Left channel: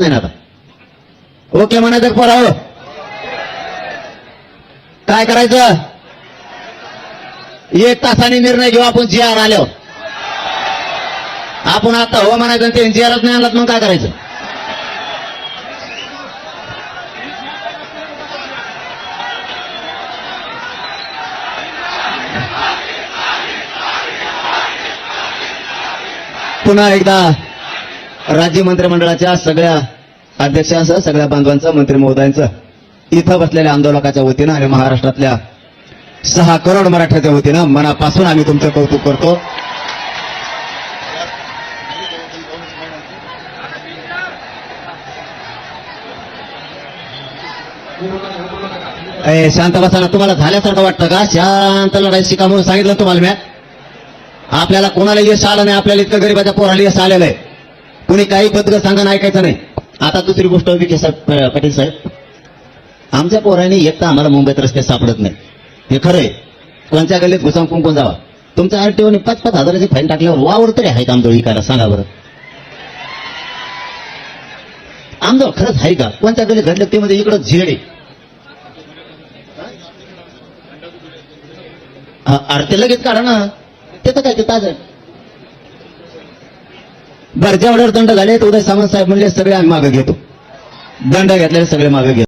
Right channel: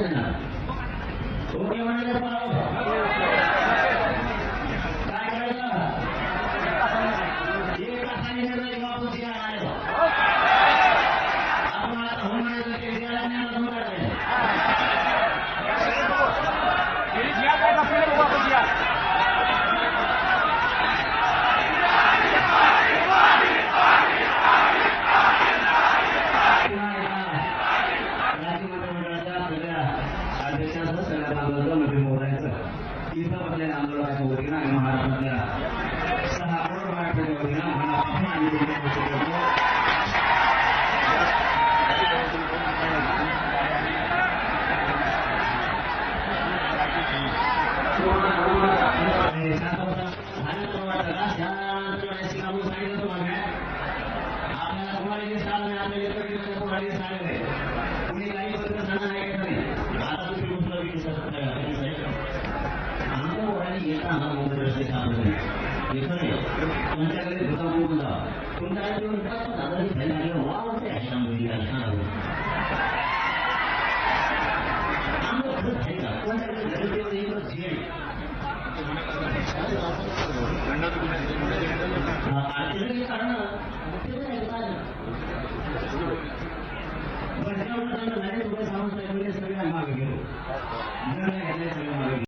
आता ओके म्हणायचं पोरा काय करायचं? एक तासाने निर्णय घेऊ आपण जी आर आल्यावर. आपण आता हो म्हणायचं ते जी आरच नाही आणलात मग काय करायचं? पुन्हा एकदा. राज्य मंत्रिमंडळाच्या सगळ्या अध्यक्षांसह सगळ्या बांधवांचं मंत्री महोदयांचं इथं बसलेल्या आंदोलकाच्या वतीनं आणि महाराष्ट्रातल्या सहा करोड मराठ्याच्या वतीनं मनापासून आम्ही तुमचं कौतुक करतो. शांत बसायला तुम्हाला झाल्यासारखं वाटतं का? शांत लढाई शिका म्हणून सांगितलं तुम्हाला म्या आपल्याला कोणाला यश आलं नाही आपल्याला इतकं गरीबाच्या पोराला यश आलेलं आहे. कुणी काही पत्र सांगा ऐकायचं नाही. आता दुसरी गोष्ट विखे साहेब पाटील साहेब आमच्या पोरांनी एक तर आम्हाला मुंबईत रस्ते सापडत नाही हे खरं आहे कोणत्या गल्लीत घुसावून कुंकून जावा? तुमच्या आरटीओने पाच पाच हजाराची फाईन टाकल्यावर वावर तरी आहे का आमचं विकायला सांगा बरं. आमदोळ खरंच आहे का? कोणत्या गल्लीत घडलं ते म्हणजे इकडं झेड आहे हा, अरे ते लगेच काढा ना. ते तर काय ते ताज बर ऑर्डर दंड झाले तर उदय सामंत साहेब म्हणले सगळे आम्ही मागे घेतो. दंड घेतलेले सगळे मागे घेतो.